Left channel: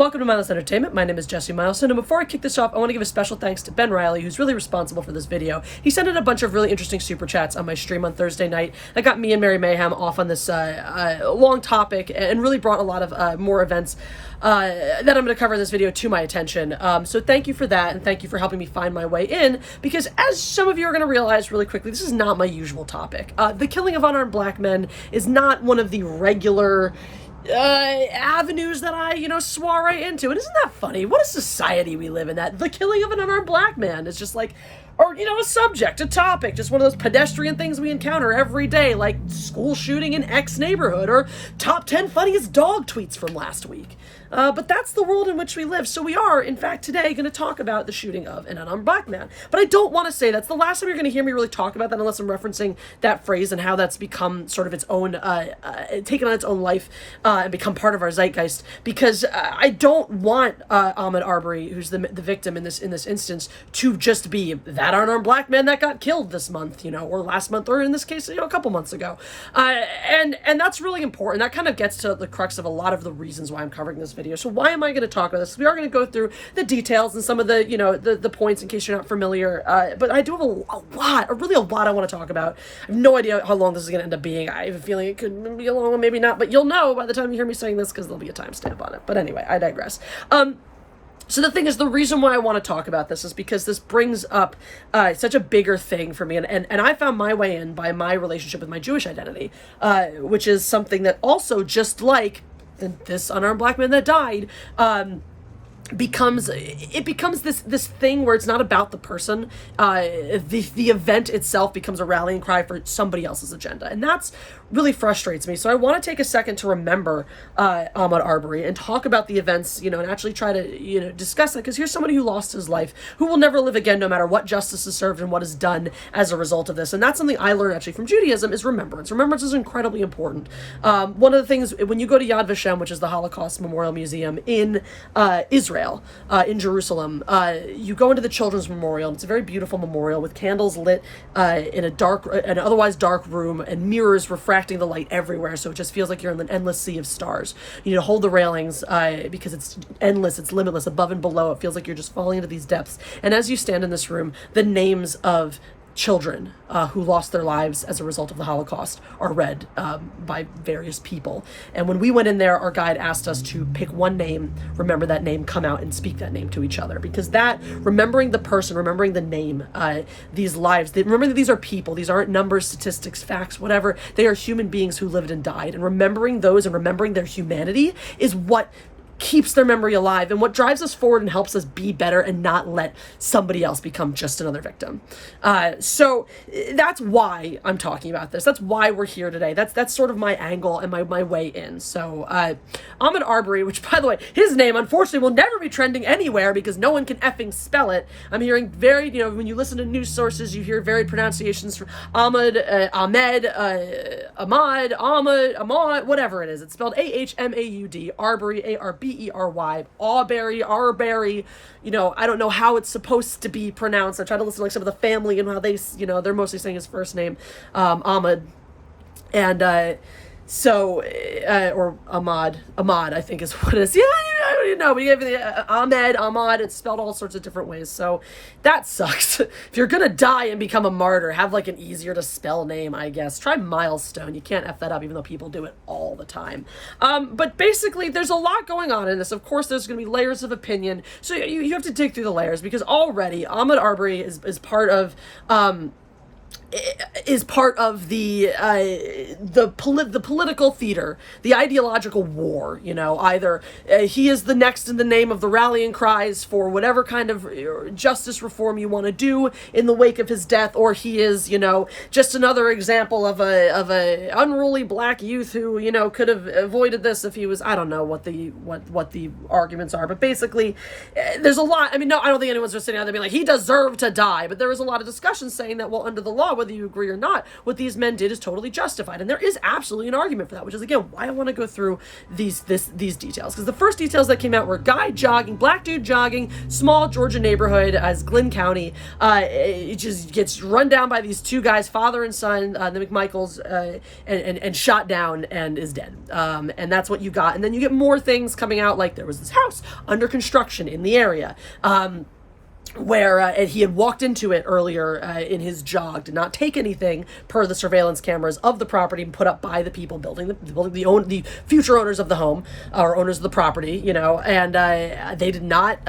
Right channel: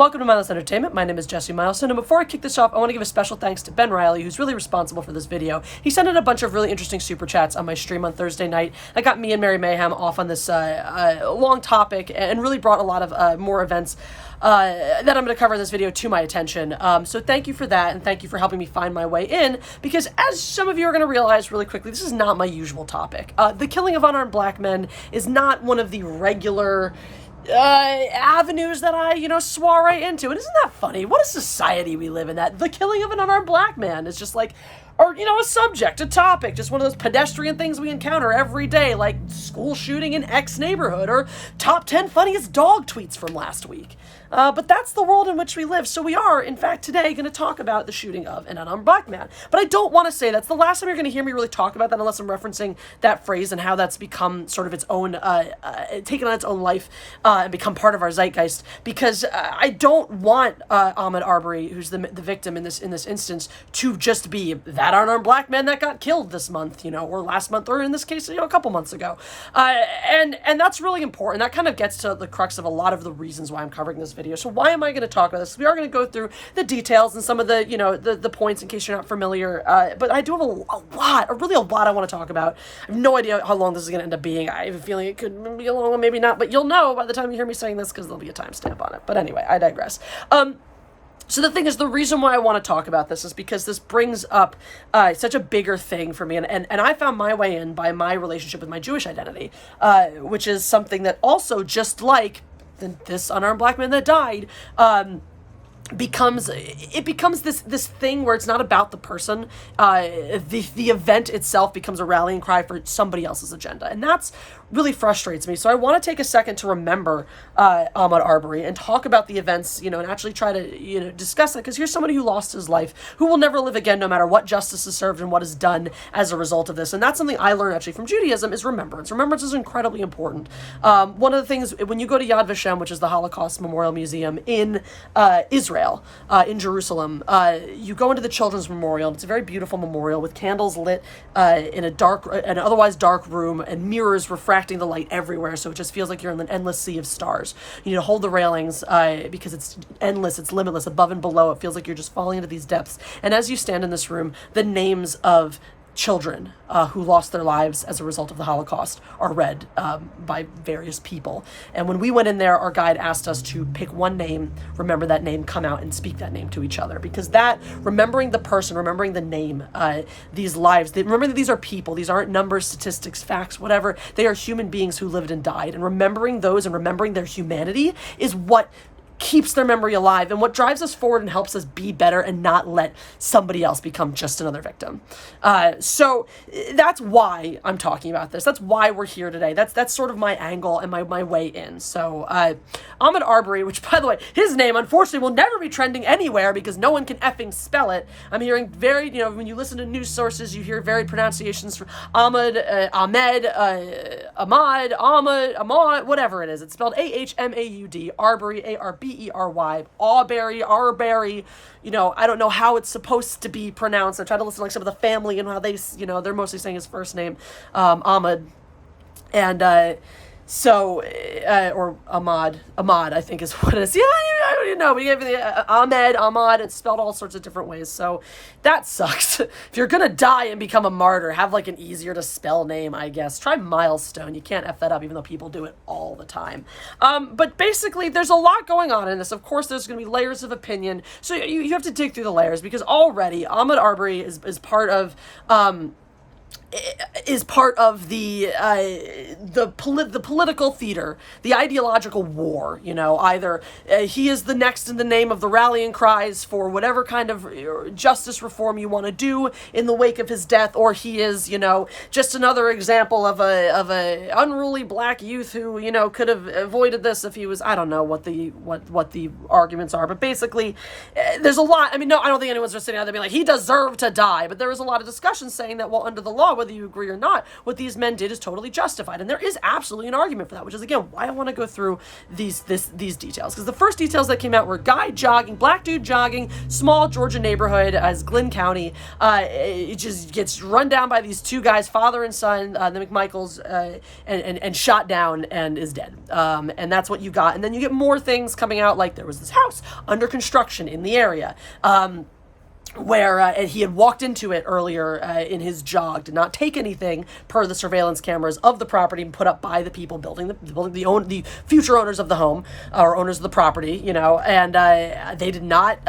Welcome to Mindless Entertainment. My name is Jesse Milestone, and before I kick this off, I want to give a special thanks to Ben Riley, who's really responsible for this video. He sent in a bunch of really interesting super chats on my stream on Thursday night. That got me and Mary Mayhem off on this long topic and really brought a lot of more events that I'm going to cover in this video to my attention. So thank you for that, and thank you for helping me find my way in, because as some of you are going to realize really quickly, this is not my usual topic. The killing of unarmed black men is not one of the regular avenues that I, swar right into. And isn't that funny? What a society we live in, that the killing of an unarmed black man is just like, or, a subject, a topic, just one of those pedestrian things we encounter every day, like school shooting in X neighborhood, or top 10 funniest dog tweets from last week. But that's the world in which we live. So we are, in fact, today going to talk about the shooting of an unarmed black man. But I don't want to say that's the last time you're going to hear me really talk about that, unless I'm referencing that phrase and how that's become sort of its own, taken on its own life and become part of our zeitgeist. Because I don't want Ahmaud Arbery, who's the victim in this instance, to just be that unarmed black man that got killed this month, or last month, or in this case, a couple months ago. And that's really important. That kind of gets to the crux of a lot of the reasons why I'm covering this video. So why am I going to talk about this? We are going to go through the details and some of the, the points in case you're not familiar. But I do have a lot I want to talk about. I have no idea how long this is going to end up being. I have a feeling it could be a long one, maybe not, but you'll know by the time you hear me saying this, because there'll be a timestamp on it. But anyway, I digress. So the thing is, the reason why I want to talk about this is because this brings up such a bigger thing for me. And I found my way in by my relationship with my Jewish identity, which is something that also, just like this unarmed black man that died, becomes this thing where it's not about the person. The event itself becomes a rallying cry for somebody else's agenda, and that's really frustrates me. So I want to take a second to remember Ahmaud Arbery and talk about the events, and actually try to discuss it, because here's somebody who lost his life, who will never live again, no matter what justice is served and what is done as a result of this. And that's something I learned actually from Judaism, is remembrance. Remembrance is incredibly important. One of the things, when you go to Yad Vashem, which is the Holocaust Memorial Museum in Israel, in Jerusalem, you go into the Children's Memorial, and it's a very beautiful memorial with candles lit in an otherwise dark room, and mirrors refracting the light everywhere, so it just feels like you're in an endless sea of stars. You need to hold the railings because it's endless, it's limitless, above and below. It feels like you're just falling into these depths. And as you stand in this room, the names of children who lost their lives as a result of the Holocaust are read by various people. And when we went in there, our guide asked us to pick one name, remember that name, come out and speak that name to each other. Because that, remembering the person, remembering the name, these lives, remember that these are people, these aren't numbers, statistics, facts, whatever. They are human beings who lived and died. And remembering those and remembering their humanity is what keeps their memory alive and what drives us forward and helps us be better and not let somebody else become just another victim. So that's why I'm talking about this. That's why we're here today. That's sort of my angle and my way in. So Ahmaud Arbery, which, by the way, his name unfortunately will never be trending anywhere because no one can effing spell it. I'm hearing very, when you listen to news sources, you hear varied pronunciations for Ahmaud, Ahmad, whatever it is. It's spelled Ahmaud, Arbery, Arbery, Arbery. I don't know how it's supposed to be pronounced. I tried to listen to like some of the family and how they, they're mostly saying his first name, Ahmad. And or Ahmad, I think is what it is. Yeah, I don't even know. We gave it Ahmad, it's spelled all sorts of different ways. So that sucks. If you're going to die and become a martyr, have like an easier to spell name, I guess. Try Milestone. You can't F that up, even though people do it all the time. But basically, there's a lot going on in this. Of course, there's going to be layers of opinion. So you have to dig through the layers, because already Ahmaud Arbery is part of the political theater, the ideological war. Either he is the next in the name of the rallying cries for whatever kind of justice reform you want to do in the wake of his death, or he is, just another example of a unruly black youth who, could have avoided this if he was, I don't know what the arguments are, but basically there's a lot. I mean, no, I don't think anyone's just sitting out there being like, he deserved to die, but there is a lot of discussion saying that, well, under the law, whether you agree or not, what these men did is totally justified. And there is absolutely an argument for that, which is, again, why I want to go through these details. Because the first details that came out were guy jogging, black dude jogging, small Georgia neighborhood as Glynn County. It just gets run down by these two guys, father and son, the McMichaels, and shot down and is dead. And that's what you got. And then you get more things coming out, like there was this house under construction in the area. Where he had walked into it earlier in his jog, did not take anything per the surveillance cameras of the property put up by the people building the future owners of the home, or owners of the property, you know, and they did not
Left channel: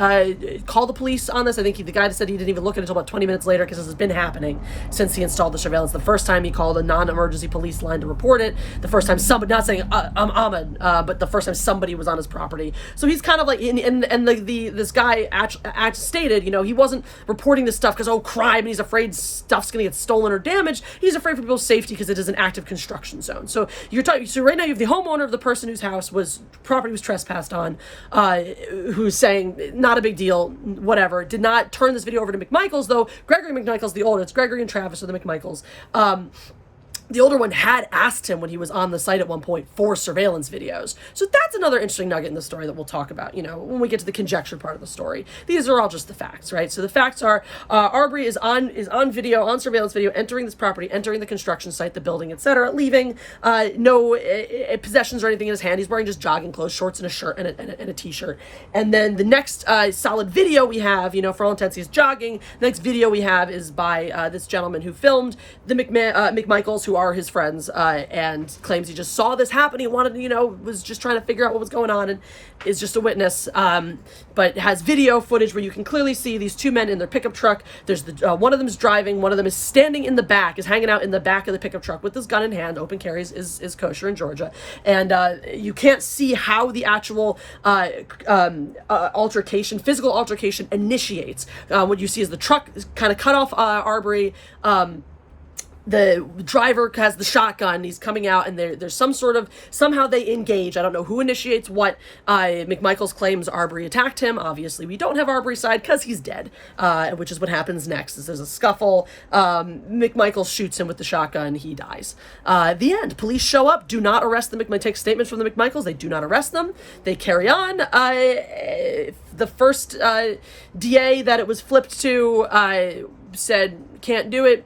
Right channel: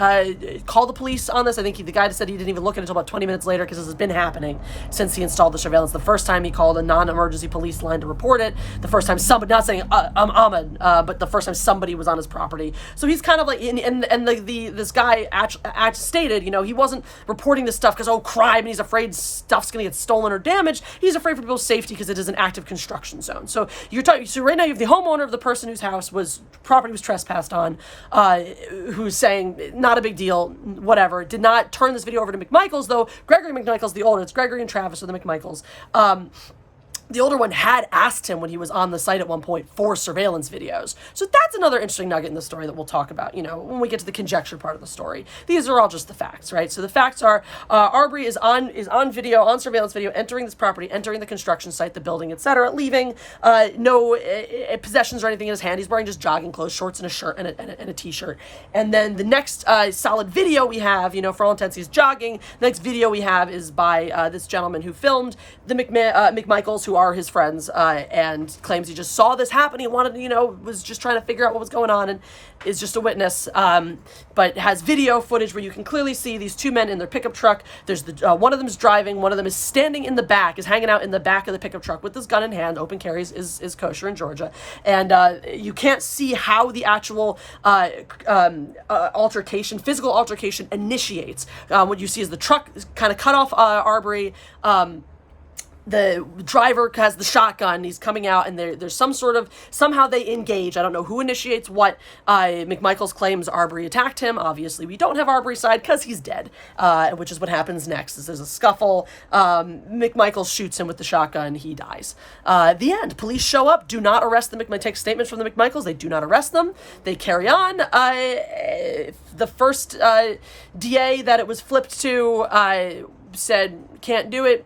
call the police on this. I think the guy said he didn't even look at it until about 20 minutes later, because this has been happening since he installed the surveillance. The first time he called a non-emergency police line to report it, the first time somebody, not saying I'm Ahmaud, but the first time somebody was on his property. So he's kind of like, this guy stated, you know, he wasn't reporting this stuff because, crime, and he's afraid stuff's going to get stolen or damaged. He's afraid for people's safety because it is an active construction zone. So so right now you have the homeowner of the person whose property was trespassed on, who's saying, not a big deal, whatever. Did not turn this video over to McMichaels, though. Gregory McMichaels, the older, it's Gregory and Travis are the McMichaels. The older one had asked him when he was on the site at one point for surveillance videos. So that's another interesting nugget in the story that we'll talk about, you know, when we get to the conjecture part of the story. These are all just the facts, right? So the facts are, Arbery is on video, on surveillance video, entering this property, entering the construction site, the building, etc., leaving no possessions or anything in his hand. He's wearing just jogging clothes, shorts and a shirt and a t-shirt. And then the next solid video we have, you know, for all intents, he's jogging. The next video we have is by this gentleman who filmed the McMichaels, who are his friends, and claims he just saw this happen. He wanted, you know, was just trying to figure out what was going on, and is just a witness, but has video footage where you can clearly see these two men in their pickup truck. There's one of them is driving, one of them is standing in the back, is hanging out in the back of the pickup truck with his gun in hand. Open carries is kosher in Georgia, and you can't see how the actual physical altercation initiates. What you see is the truck kind of cut off Arbery. The driver has the shotgun, he's coming out, and there's somehow they engage. I don't know who initiates what. McMichaels claims Arbery attacked him. Obviously, we don't have Arbery's side because he's dead, which is what happens next, is there's a scuffle. McMichaels shoots him with the shotgun, he dies. The end. Police show up, do not arrest the take statements from the McMichaels, they do not arrest them, they carry on. The first DA that it was flipped to said can't do it.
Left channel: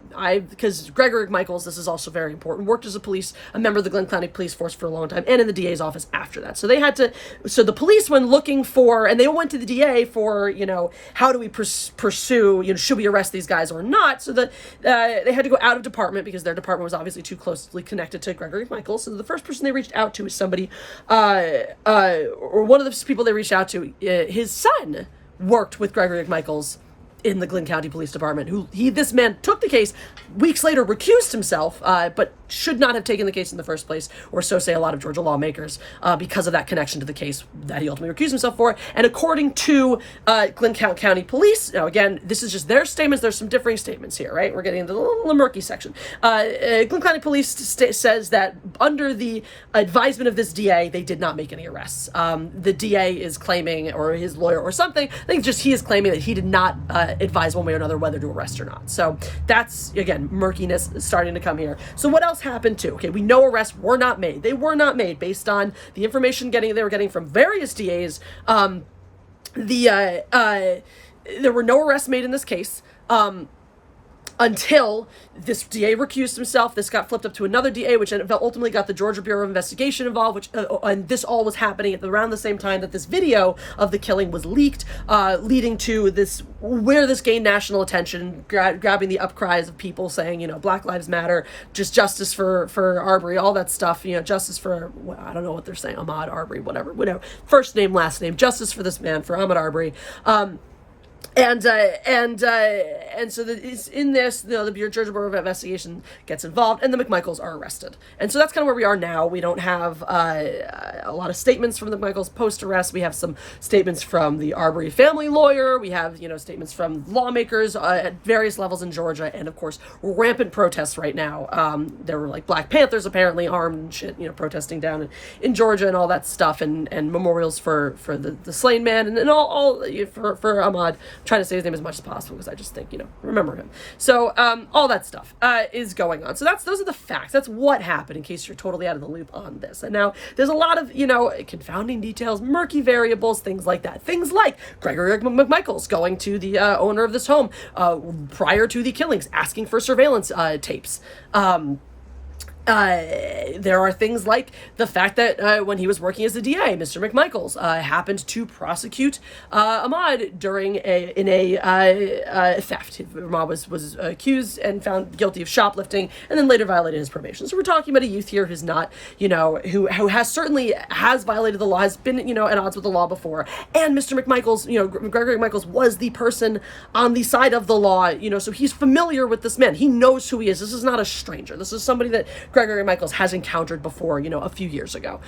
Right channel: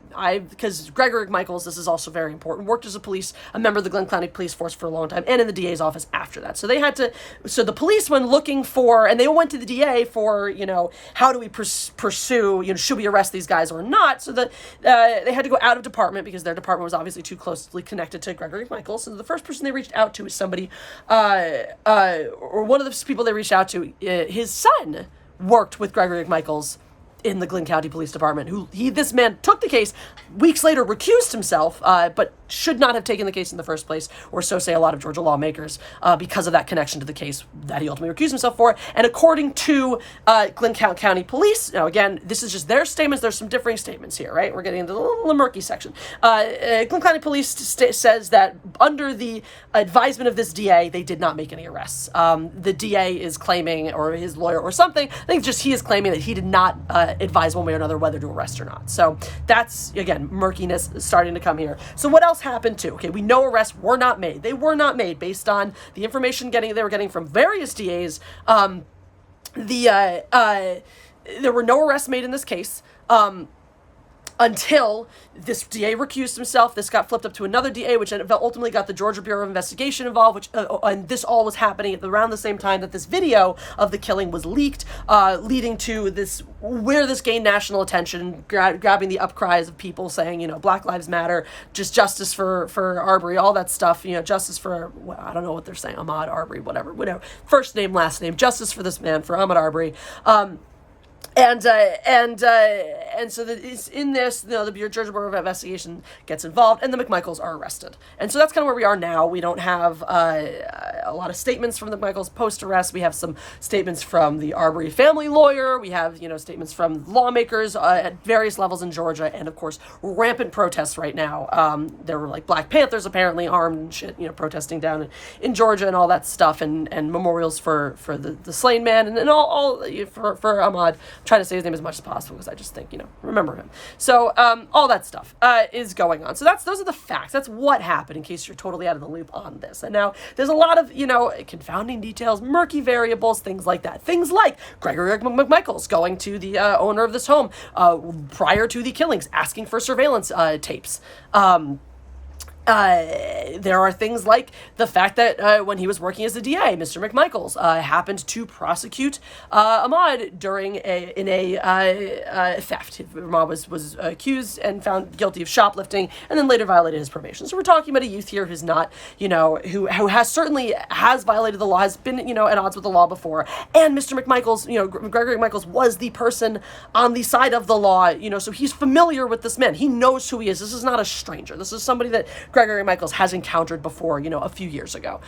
Because Gregory McMichaels, this is also very important, worked as a member of the Glynn County Police Force for a long time, and in the DA's office after that. So the police, when looking for, and they went to the DA for, you know, how do we pursue, you know, should we arrest these guys or not? So that they had to go out of department because their department was obviously too closely connected to Gregory McMichaels. So the first person they reached out to is somebody, or one of the people they reached out to, his son worked with Gregory McMichaels in the Glynn County Police Department, this man took the case, weeks later recused himself, but should not have taken the case in the first place, or so say a lot of Georgia lawmakers, because of that connection to the case that he ultimately recused himself for. And according to Glynn County Police, now again, this is just their statements, there's some differing statements here, right? We're getting into the little murky section. Glynn County Police says that under the advisement of this DA, they did not make any arrests. The DA is claiming, or his lawyer or something, I think just he is claiming that he did not advise one way or another whether to arrest or not. So that's, again, murkiness starting to come here. So what else happened too? Okay, we know arrests were not made. They were not made based on the information they were getting from various DAs. There were no arrests made in this case. Until this DA recused himself. This got flipped up to another DA, which ultimately got the Georgia Bureau of Investigation involved, which and this all was happening at around the same time that this video of the killing was leaked, leading to where this gained national attention, grabbing the upcries of people saying, you know, Black Lives Matter, just justice for Arbery, all that stuff, you know, justice for, well, I don't know what they're saying, Ahmaud Arbery, whatever, first name, last name, justice for this man, for Ahmaud Arbery. And so in this, you know, the Georgia Bureau of Investigation gets involved, and the McMichaels are arrested. And so that's kind of where we are now. We don't have a lot of statements from the McMichaels post-arrest. We have some statements from the Arbery family lawyer. We have, you know, statements from lawmakers at various levels in Georgia, and of course, rampant protests right now. There were like Black Panthers apparently armed and shit, you know, protesting down in Georgia and all that stuff, and memorials for the slain man and all for Ahmaud. trying to say his name as much as possible because I just think, remember him. So all that stuff is going on. So those are the facts. That's what happened, in case you're totally out of the loop on this. And now there's a lot of, confounding details, murky variables, things like that. Things like Gregory McMichaels going to the owner of this home prior to the killings, asking for surveillance tapes. There are things like the fact that when he was working as a DA, Mr. McMichaels happened to prosecute Ahmaud during a theft. Ahmaud was accused and found guilty of shoplifting, and then later violated his probation. So we're talking about a youth here who's not, who has certainly violated the law, has been, at odds with the law before. And Mr. McMichaels, Gregory McMichaels was the person on the side of the law, so he's familiar with this man. He knows who he is. This is not a stranger. This is somebody that Gregory Michaels has encountered before, a few years ago.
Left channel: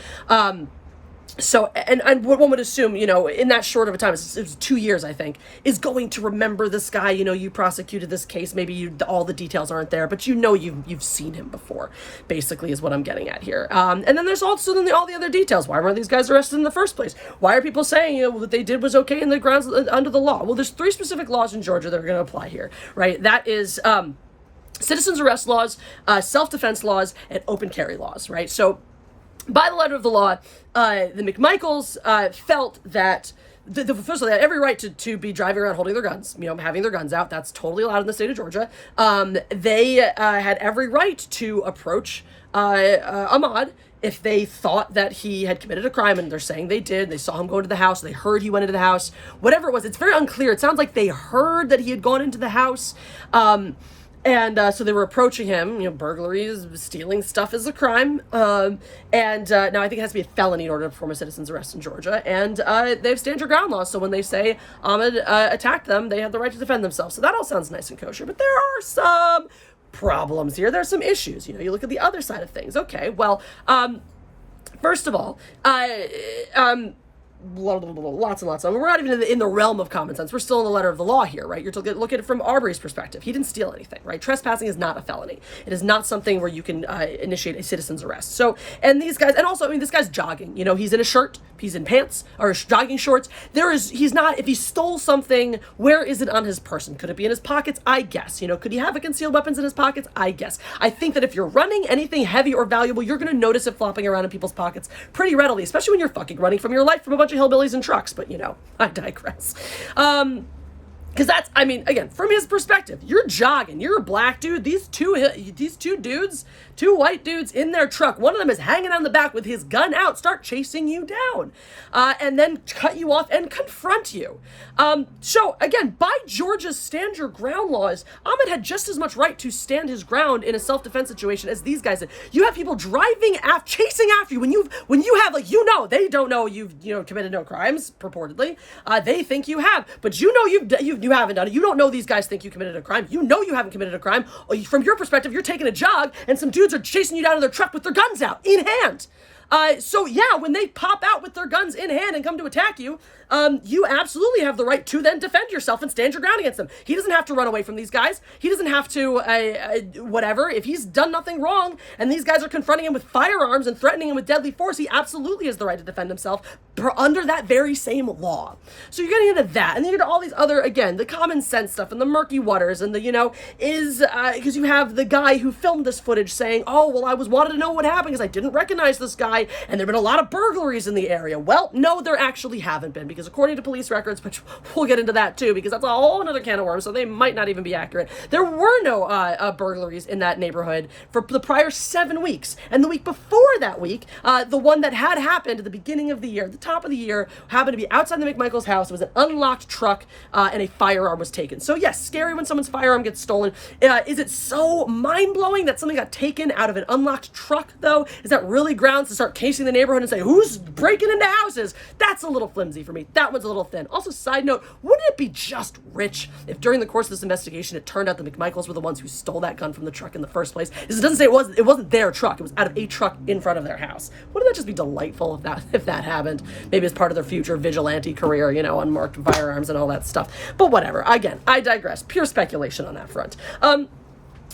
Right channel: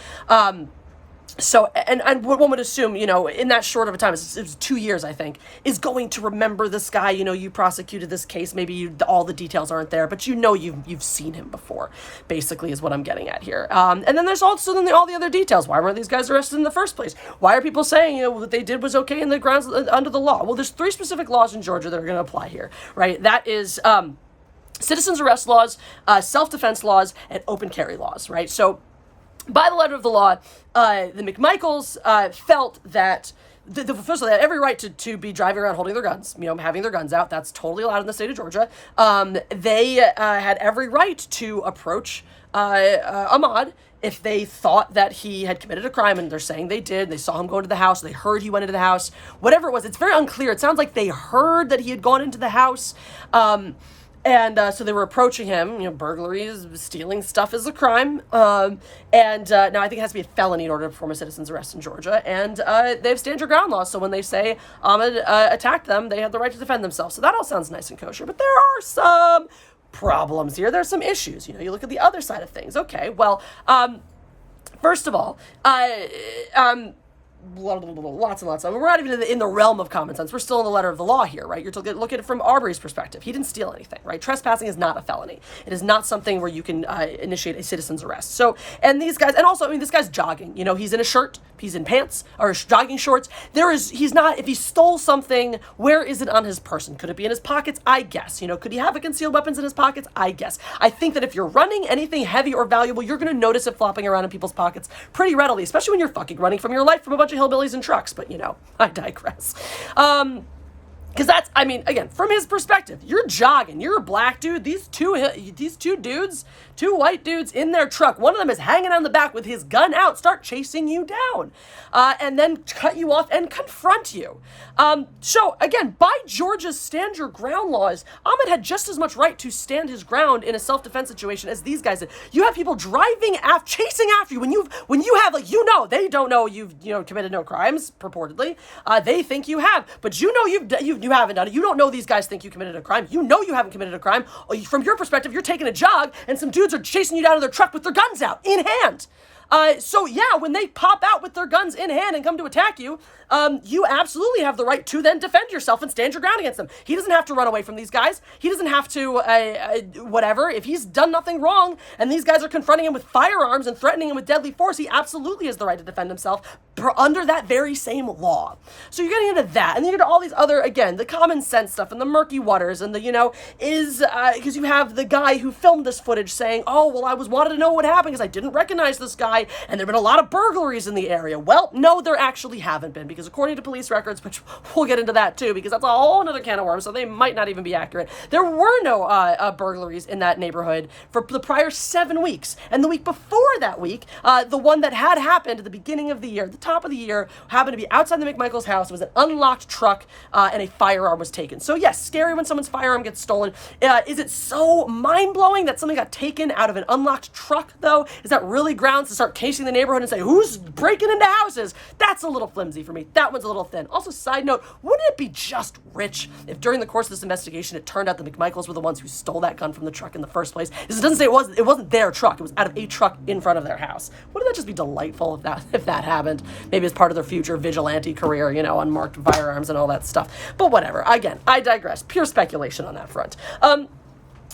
So, and one would assume, in that short of a time, it's 2 years, I think, is going to remember this guy. You prosecuted this case. Maybe all the details aren't there, but you've seen him before, basically, is what I'm getting at here. And then there's also all the other details. Why weren't these guys arrested in the first place? Why are people saying, what they did was okay in the grounds under the law? Well, there's 3 specific laws in Georgia that are going to apply here, right? That is, citizens arrest laws, self-defense laws, and open carry laws, right? So by the letter of the law, the McMichaels felt that first of all, they had every right to be driving around holding their guns, having their guns out. That's totally allowed in the state of Georgia. They had every right to approach Ahmaud if they thought that he had committed a crime, and they're saying they did. They saw him go into the house. They heard he went into the house. Whatever it was, it's very unclear. It sounds like they heard that he had gone into the house. And so they were approaching him. Burglaries, stealing stuff is a crime. And now I think it has to be a felony in order to perform a citizen's arrest in Georgia. And they have stand your ground laws. So when they say Ahmaud attacked them, they have the right to defend themselves. So that all sounds nice and kosher. But there are some problems here. There's some issues. You look at the other side of things. Okay, well, first of all, lots and lots of them. We're not even in the realm of common sense. We're still in the letter of the law here, right? You're to look at it from Arbery's perspective. He didn't steal anything, right? Trespassing is not a felony. It is not something where you can initiate a citizen's arrest. So, and these guys, and also, this guy's jogging. He's in a shirt, he's in pants or jogging shorts. He's not. If he stole something, where is it on his person? Could it be in his pockets? I guess. Could he have a concealed weapons in his pockets? I guess. I think that if you're running anything heavy or valuable, you're going to notice it flopping around in people's pockets pretty readily, especially when you're fucking running from your life from a bunch of hillbillies and trucks, but I digress. Because that's, again, from his perspective, you're jogging, you're a black dude, these two dudes, 2 white dudes in their truck, one of them is hanging on the back with his gun out, start chasing you down, and then cut you off and confront you. So again, by Georgia's stand your ground laws, Ahmaud had just as much right to stand his ground in a self-defense situation as these guys did. You have people driving chasing after you when you have they don't know you've committed no crimes purportedly. They think you have, but you haven't done it. You don't know these guys think you committed a crime. You haven't committed a crime. From your perspective, you're taking a jog and some dudes are chasing you down to their truck with their guns out in hand. So yeah, when they pop out with their guns in hand and come to attack you, you absolutely have the right to then defend yourself and stand your ground against them. He doesn't have to run away from these guys. He doesn't have to, whatever. If he's done nothing wrong and these guys are confronting him with firearms and threatening him with deadly force, he absolutely has the right to defend himself under that very same law. So you're getting into that. And then you get all these other, again, the common sense stuff and the murky waters and the, because you have the guy who filmed this footage saying, oh, well, I wanted to know what happened because I didn't recognize this guy and there have been a lot of burglaries in the area. Well, no, there actually haven't been, because according to police records, which we'll get into that too, because that's a whole other can of worms, so they might not even be accurate. There were no burglaries in that neighborhood for the prior 7 weeks. And the week before that week, the one that had happened at the beginning of the year, the top of the year, happened to be outside the McMichaels house. It was an unlocked truck and a firearm was taken. So yes, scary when someone's firearm gets stolen. Is it so mind-blowing that something got taken out of an unlocked truck, though? Is that really grounds to start casing the neighborhood and say, who's breaking into houses? That's a little flimsy for me. That one's a little thin. Also, side note, wouldn't it be just rich if during the course of this investigation it turned out the McMichaels were the ones who stole that gun from the truck in the first place? It doesn't say it wasn't their truck. It was out of a truck in front of their house. Wouldn't that just be delightful if that happened? Maybe as part of their future vigilante career, unmarked firearms and all that stuff. But whatever. Again, I digress. Pure speculation on that front.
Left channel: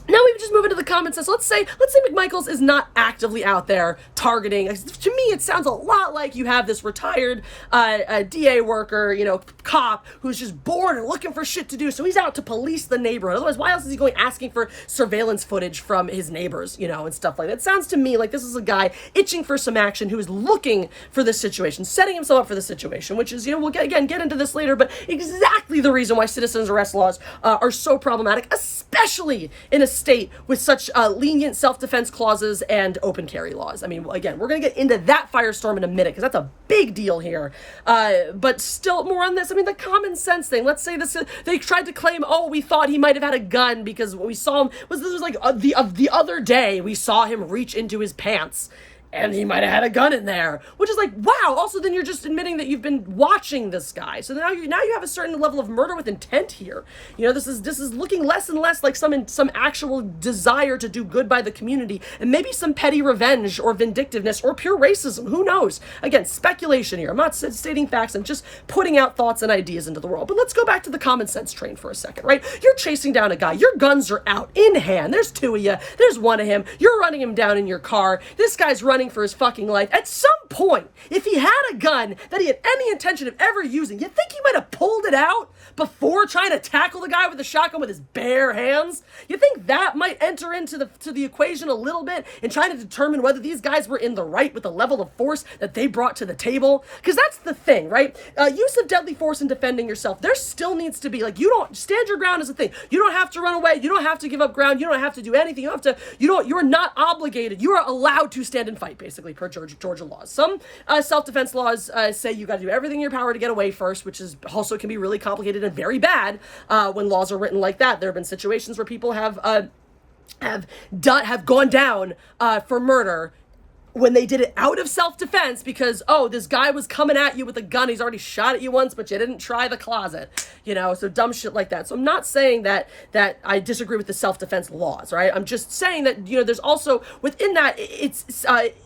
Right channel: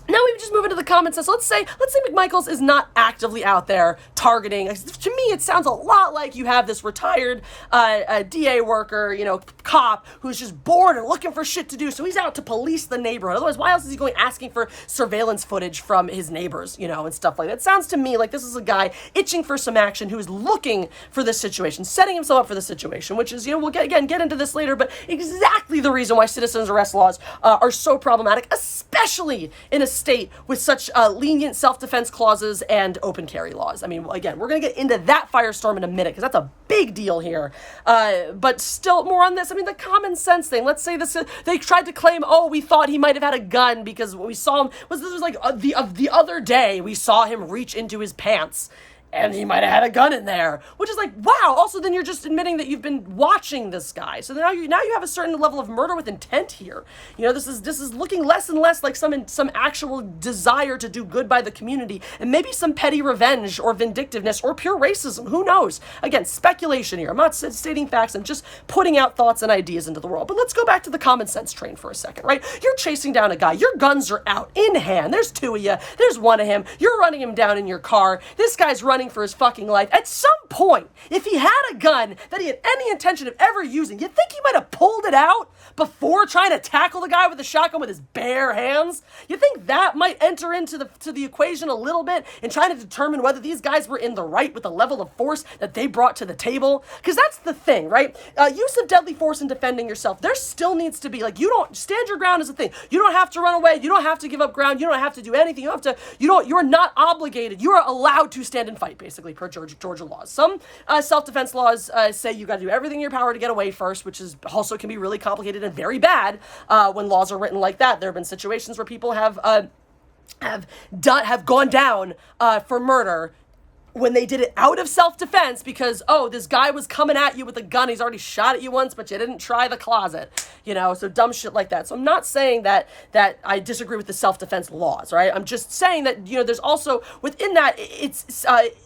Now we just move into the comments. Let's say McMichaels is not actively out there targeting. To me, it sounds a lot like you have this retired DA worker, cop, who's just bored and looking for shit to do. So he's out to police the neighborhood. Otherwise, why else is he going asking for surveillance footage from his neighbors, and stuff like that? It sounds to me like this is a guy itching for some action who is looking for this situation, setting himself up for the situation, which is, we'll get into this later, but exactly the reason why citizens arrest laws are so problematic, especially in a state with such lenient self-defense clauses and open carry laws. I mean, again, we're going to get into that firestorm in a minute because that's a big deal here. But still, more on this. I mean, the common sense thing. Let's say this. They tried to claim, we thought he might have had a gun because what we saw him was like the other day we saw him reach into his pants. And he might have had a gun in there, which is like, wow. Also, then you're just admitting that you've been watching this guy. So now you have a certain level of murder with intent here. This is looking less and less like some actual desire to do good by the community, and maybe some petty revenge or vindictiveness or pure racism. Who knows? Again, speculation here. I'm not stating facts. I'm just putting out thoughts and ideas into the world. But let's go back to the common sense train for a second, right? You're chasing down a guy. Your guns are out in hand. There's two of you. There's one of him. You're running him down in your car. This guy's running for his fucking life. At some point, if he had a gun that he had any intention of ever using, you think he might have pulled it out before trying to tackle the guy with the shotgun with his bare hands? You think that might enter into the equation a little bit in trying to determine whether these guys were in the right with the level of force that they brought to the table? Because that's the thing, right? Use of deadly force in defending yourself. There still needs to be, you don't stand your ground is a thing. You don't have to run away. You don't have to give up ground. You don't have to do anything. You're not obligated. You are allowed to stand and fight, basically, per Georgia laws. Some self-defense laws say you got to do everything in your power to get away first, which is also can be really complicated and very bad when laws are written like that. There have been situations where people have gone down for murder when they did it out of self-defense because, this guy was coming at you with a gun. He's already shot at you once, but you didn't try the closet, so dumb shit like that. So I'm not saying that I disagree with the self-defense laws, right? I'm just saying that, there's also, within that,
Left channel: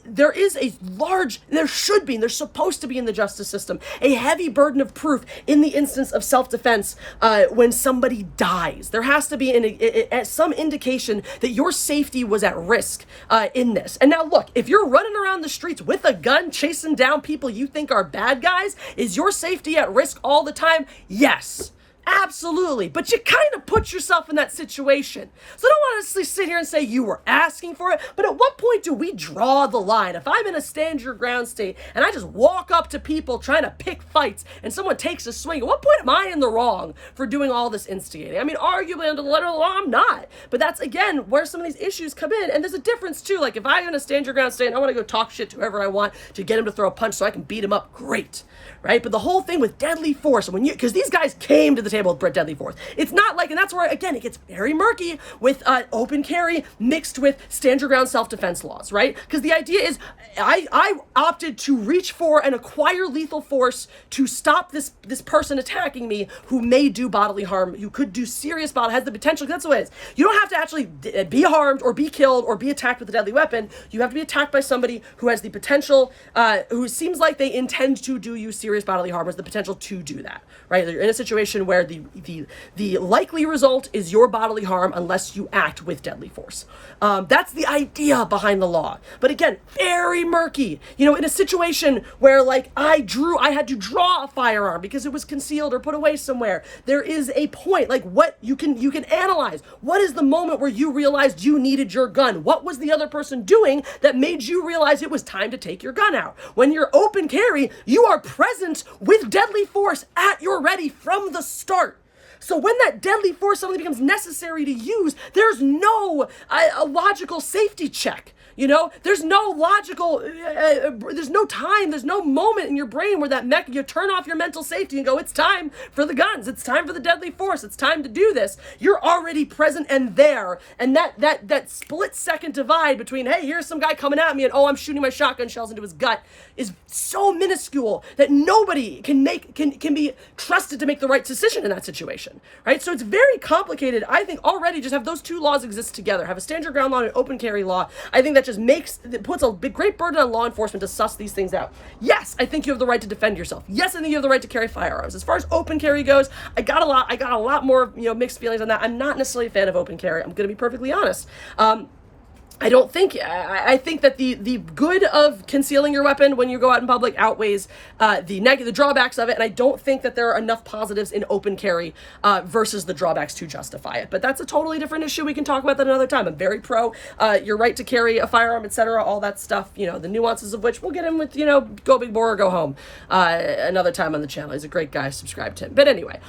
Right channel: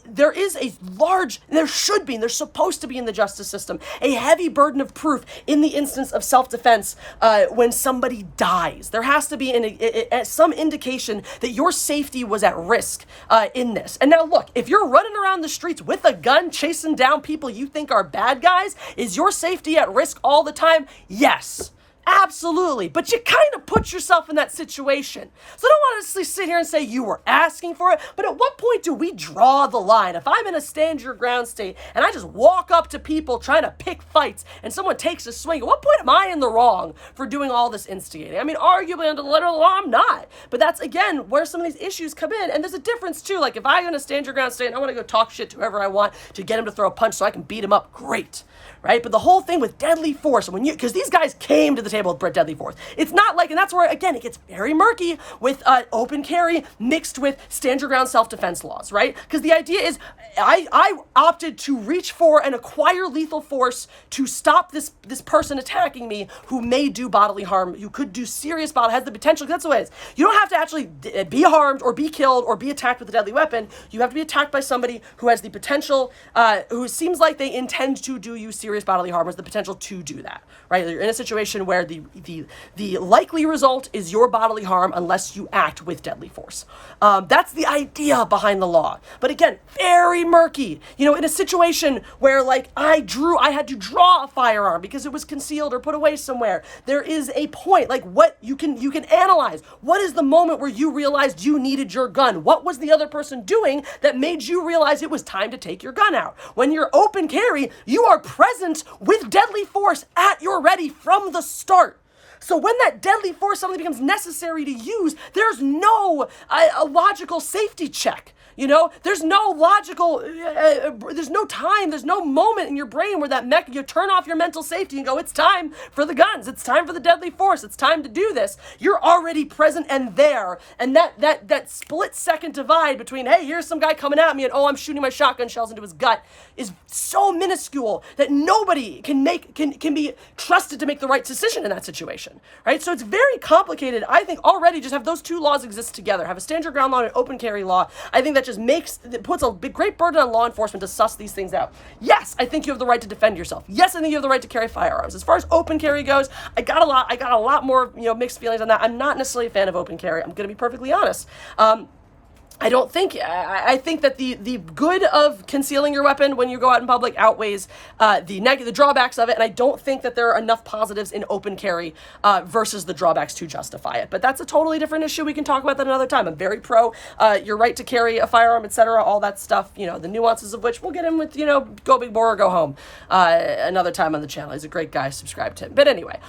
there is a large, there should be, and there's supposed to be in the justice system, a heavy burden of proof in the instance of self-defense when somebody dies. There has to be some indication that your safety was at risk in this. And now look, if you're running around the streets with a gun, chasing down people you think are bad guys, is your safety at risk all the time? Yes. Absolutely. But you kind of put yourself in that situation. So I don't want to sit here and say you were asking for it, but at what point do we draw the line? If I'm in a stand your ground state and I just walk up to people trying to pick fights and someone takes a swing, at what point am I in the wrong for doing all this instigating? I mean, arguably under the letter of the law, I'm not. But that's, again, where some of these issues come in. And there's a difference, too. Like, if I'm in a stand your ground state and I want to go talk shit to whoever I want to get him to throw a punch so I can beat him up, great. Right? But the whole thing with deadly force, because these guys came to the table with deadly force. It's not like, and that's where, again, it gets very murky with open carry mixed with stand your ground self-defense laws, right? Because the idea is, I opted to reach for and acquire lethal force to stop this person attacking me who may do bodily harm, who could do serious bodily, has the potential, that's the way it is. You don't have to actually be harmed or be killed or be attacked with a deadly weapon. You have to be attacked by somebody who has the potential, who seems like they intend to do you serious bodily harm, has the potential to do that, right? You're in a situation where the likely result is your bodily harm unless you act with deadly force. That's the idea behind the law. But again, very murky. In a situation where I had to draw a firearm because it was concealed or put away somewhere. There is a point, what you can analyze. What is the moment where you realized you needed your gun? What was the other person doing that made you realize it was time to take your gun out? When you're open carry, you are present with deadly force at your ready from the start. So when that deadly force suddenly becomes necessary to use, there's no logical safety check. There's no logical, there's no time, there's no moment in your brain where you turn off your mental safety and go, it's time for the guns, it's time for the deadly force, it's time to do this. You're already present and there. And that split second divide between, hey, here's some guy coming at me and, I'm shooting my shotgun shells into his gut is so minuscule that nobody can be trusted to make the right decision in that situation, right? So it's very complicated. I think already just have those two laws exist together. Have a stand your ground law and an open carry law. I think that it puts a great burden on law enforcement to suss these things out. Yes, I think you have the right to defend yourself. Yes, I think you have the right to carry firearms. As far as open carry goes, I got a lot more, mixed feelings on that. I'm not necessarily a fan of open carry. I'm going to be perfectly honest. I don't think, I think that the good of concealing your weapon when you go out in public outweighs the drawbacks of it, and I don't think that there are enough positives in open carry versus the drawbacks to justify it. But that's a totally different issue. We can talk about that another time. I'm very pro your right to carry a firearm, etc., all that stuff, the nuances of which we'll get in with, go big boy or go home another time on the channel. He's a great guy. Subscribe to him. But anyway,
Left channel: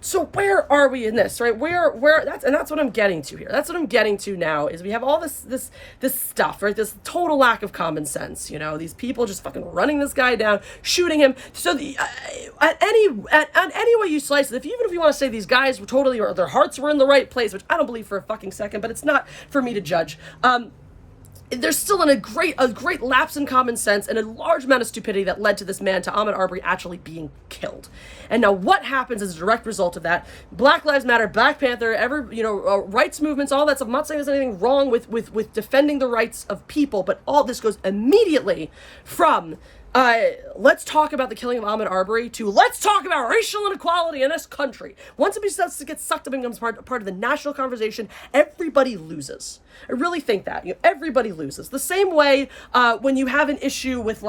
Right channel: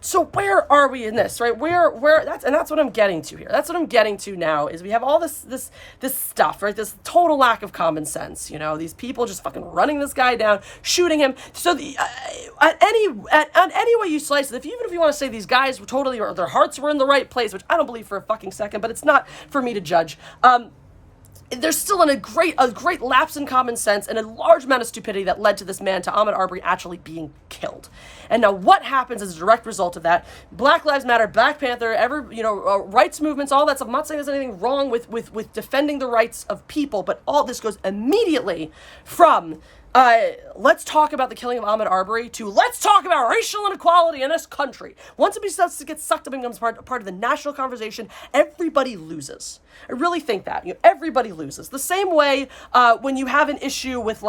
so where are we in this, right? That's what I'm getting to here. That's what I'm getting to now is we have all this stuff, right? This total lack of common sense, these people just fucking running this guy down, shooting him. So any way you slice it, even if you want to say these guys were totally, or their hearts were in the right place, which I don't believe for a fucking second, but it's not for me to judge. There's still a great lapse in common sense and a large amount of stupidity that led to this man, to Ahmaud Arbery, actually being killed. And now what happens as a direct result of that? Black Lives Matter, Black Panther, rights movements, all that stuff. I'm not saying there's anything wrong with defending the rights of people, but all this goes immediately from let's talk about the killing of Ahmaud Arbery to let's talk about racial inequality in this country. Once it starts to get sucked up and becomes part of the national conversation, everybody loses. I really think that. Everybody loses. The same way when you have an issue with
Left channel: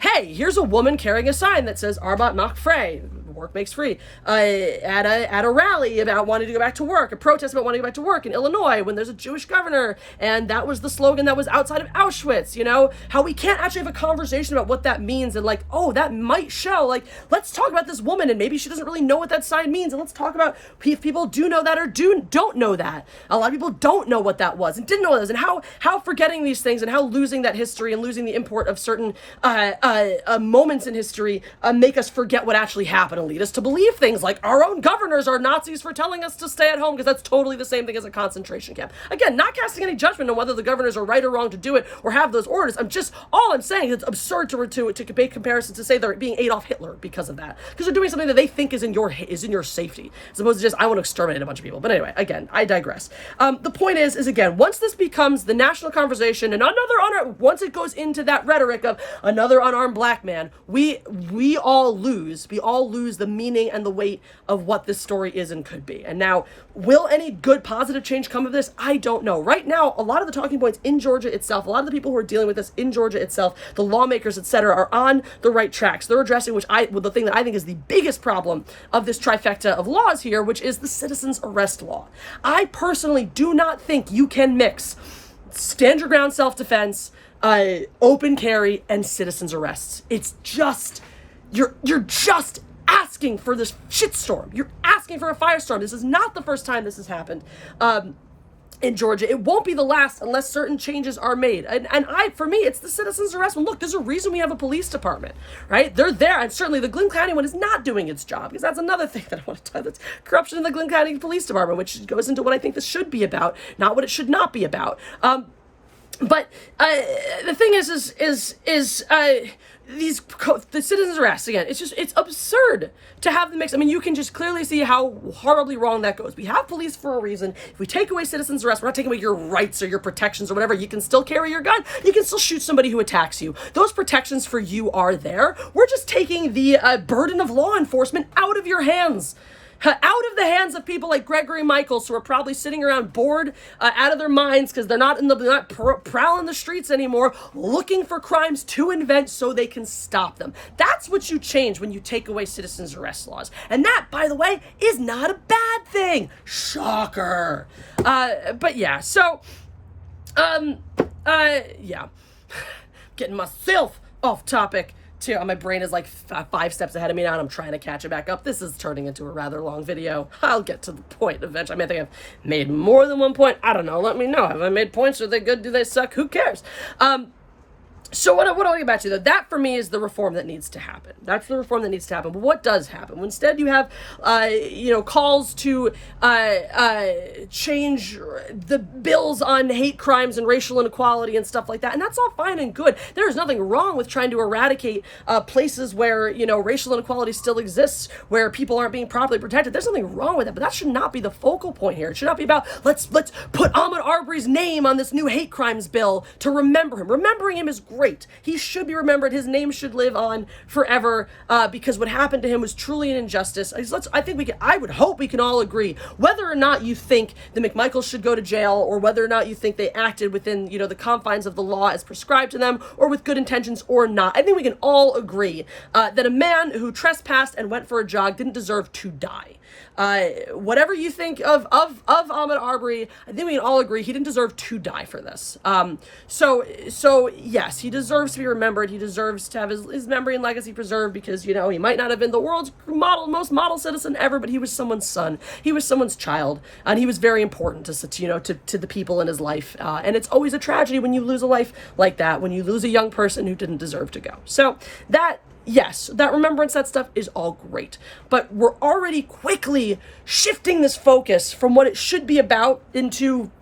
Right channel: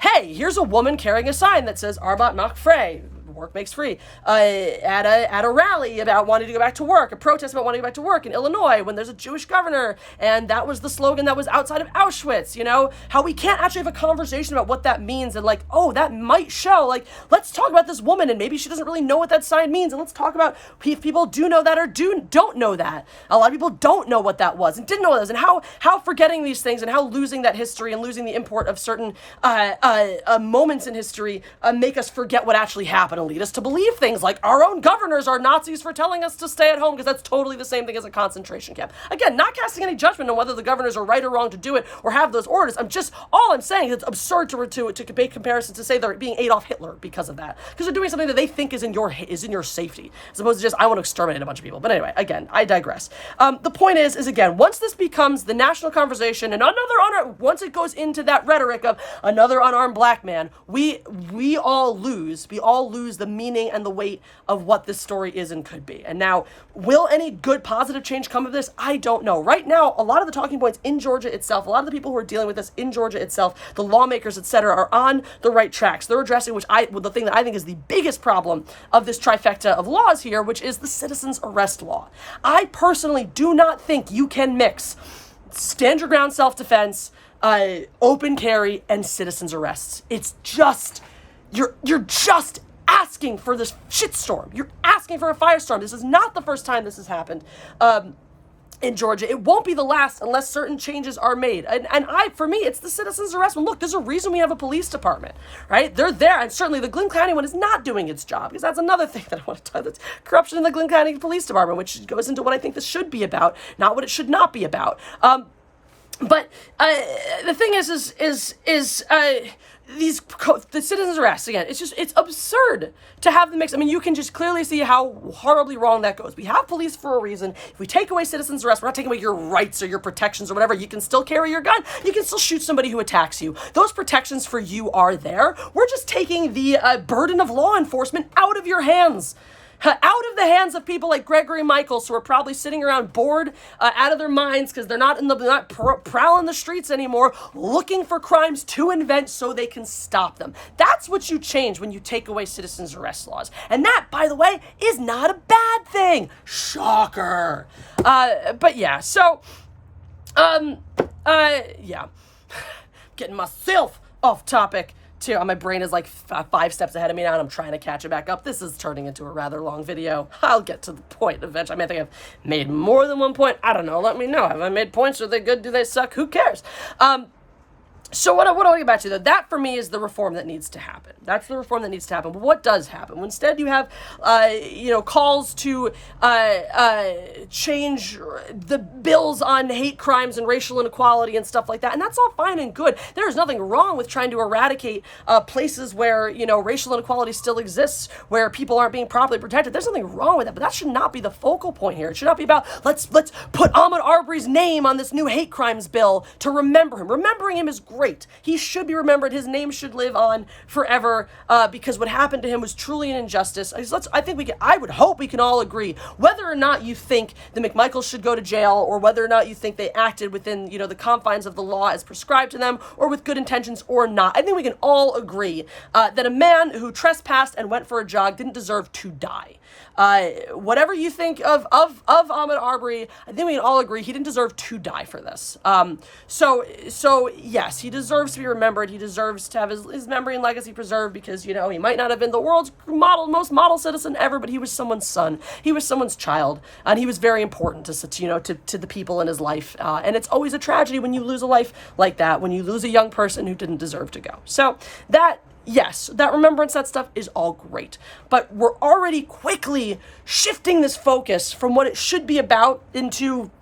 hey, here's a woman carrying a sign that says Arbat macht frei, work makes free, at a rally about wanting to go back to work, a protest about wanting to go back to work in Illinois when there's a Jewish governor, and that was the slogan that was outside of Auschwitz, how we can't actually have a conversation about what that means, and that might show, let's talk about this woman, and maybe she doesn't really know what that sign means, and let's talk about if people do know that or don't know that. A lot of people don't know what that was, and didn't know what it was, and how forgetting these things, and how losing that history, and losing the import of certain moments in history make us forget what actually happened, and lead us to believe things like our own governors are Nazis for telling us to stay at home, because that's totally the same thing as a concentration camp. Again, not casting any judgment on whether the governors are right or wrong to do it or have those orders. All I'm saying is it's absurd to make comparisons to say they're being Adolf Hitler because of that, because they're doing something that they think is in your safety, as opposed to just I want to exterminate a bunch of people. But anyway, again, I digress. The point is again, once this becomes the national conversation and once it goes into that rhetoric of another unarmed black man, we all lose. We all lose the meaning and the weight of what this story is and could be. And now, will any good positive change come of this? I don't know. Right now, a lot of the talking points in Georgia itself, a lot of the people who are dealing with this in Georgia itself, the lawmakers, etc., are on the right tracks. They're addressing the thing that I think is the biggest problem of this trifecta of laws here, which is the citizen's arrest law. I personally do not think you can mix stand your ground self-defense, open carry, and citizen's arrests. It's just, you're just asking for this shitstorm. You're asking for a firestorm. This is not the first time this has happened in Georgia. It won't be the last unless certain changes are made. For me, it's the citizen's arrest. Well, look, there's a reason we have a police department, right? They're there, and certainly the Glynn County one is not doing its job, because that's another thing that I want to talk about. That's corruption in the Glynn County Police Department, which goes into what I think this should be about, not what it should not be about. But the thing is the citizens' arrests, again, it's absurd to have them mix. I mean, you can just clearly see how horribly wrong that goes. We have police for a reason. If we take away citizens' arrests, we're not taking away your rights or your protections or whatever. You can still carry your gun. You can still shoot somebody who attacks you. Those protections for you are there. We're just taking the burden of law enforcement out of your hands. Out of the hands of people like Gregory Michaels, who are probably sitting around bored out of their minds because they're not prowling the streets anymore, looking for crimes to invent so they can stop them. That's what you change when you take away citizens' arrest laws. And that, by the way, is not a bad thing. Shocker. But yeah, so, yeah. Getting myself off topic. My brain is 5 steps ahead of me now, and I'm trying to catch it back up. This is turning into a rather long video. I'll get to the point eventually. I think I've made more than one point. I don't know. Let me know. Have I made points? Are they good? Do they suck? Who cares? So what I want to get back to, though, that for me is the reform that needs to happen. That's the reform that needs to happen. But what does happen? Well, instead, you have, calls to change the bills on hate crimes and racial inequality and stuff like that. And that's all fine and good. There's nothing wrong with trying to eradicate places where, racial inequality still exists, where people aren't being properly protected. There's nothing wrong with that. But that should not be the focal point here. It should not be about, let's put Ahmaud Arbery's name on this new hate crimes bill to remember him. Remembering him is great. He should be remembered. His name should live on forever because what happened to him was truly an injustice. I would hope we can all agree, whether or not you think the McMichaels should go to jail or whether or not you think they acted within, the confines of the law as prescribed to them or with good intentions or not. I think we can all agree that a man who trespassed and went for a jog didn't deserve to die. Whatever you think of Ahmaud Arbery, I think we can all agree he didn't deserve to die for this. So yes, he deserves to be remembered. He deserves to have his memory and legacy preserved because, he might not have been the world's most model citizen ever, but he was someone's son. He was someone's child, and he was very important to the people in his life. And it's always a tragedy when you lose a life like that, when you lose a young person who didn't deserve to go. So yes, that remembrance, that stuff is all great. But we're already quickly shifting this focus from what it should be about into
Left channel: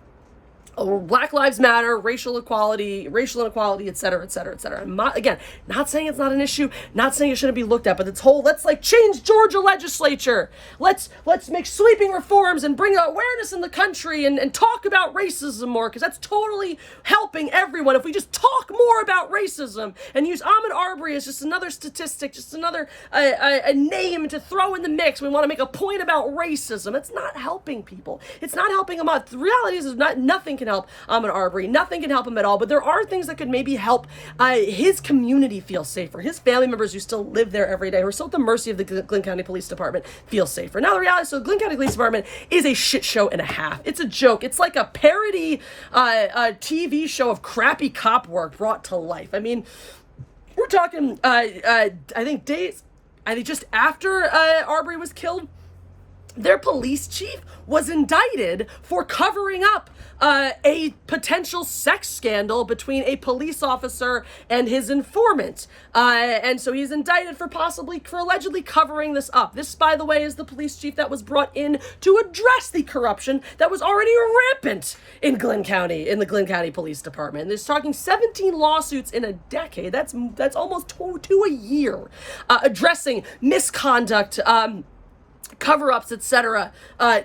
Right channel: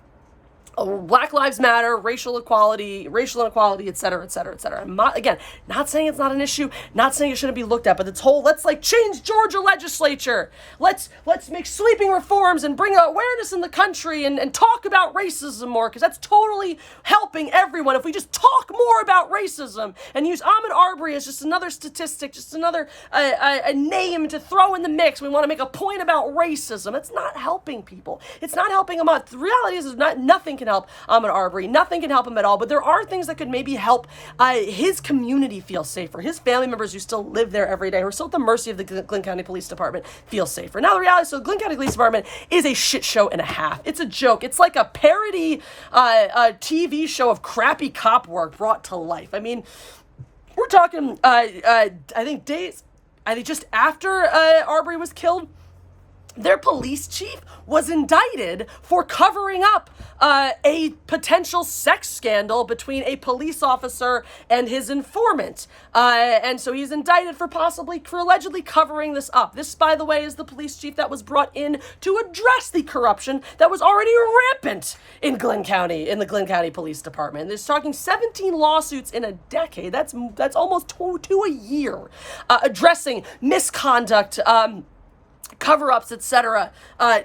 Black Lives Matter, racial inequality, et cetera, et cetera, et cetera. I'm not saying it's not an issue, not saying it shouldn't be looked at, but this whole, let's change Georgia legislature. Let's make sweeping reforms and bring awareness in the country and talk about racism more, because that's totally helping everyone. If we just talk more about racism and use Ahmaud Arbery as just another statistic, just another a name to throw in the mix, we want to make a point about racism. It's not helping people. It's not helping them out. The reality is nothing can help Ahmaud Arbery. Nothing can help him at all, but there are things that could maybe help his community feel safer. His family members who still live there every day, who are still at the mercy of the Glynn County Police Department, feel safer. Now, the reality is, the Glynn County Police Department is a shit show and a half. It's a joke. It's like a parody TV show of crappy cop work brought to life. I mean, we're talking, I think just after Arbery was killed, their police chief was indicted for covering up a potential sex scandal between a police officer and his informant. And so he's indicted for allegedly covering this up. This, by the way, is the police chief that was brought in to address the corruption that was already rampant in Glynn County, in the Glynn County Police Department. There's talking 17 lawsuits in a decade. That's almost two a year, addressing misconduct, cover-ups, etc.,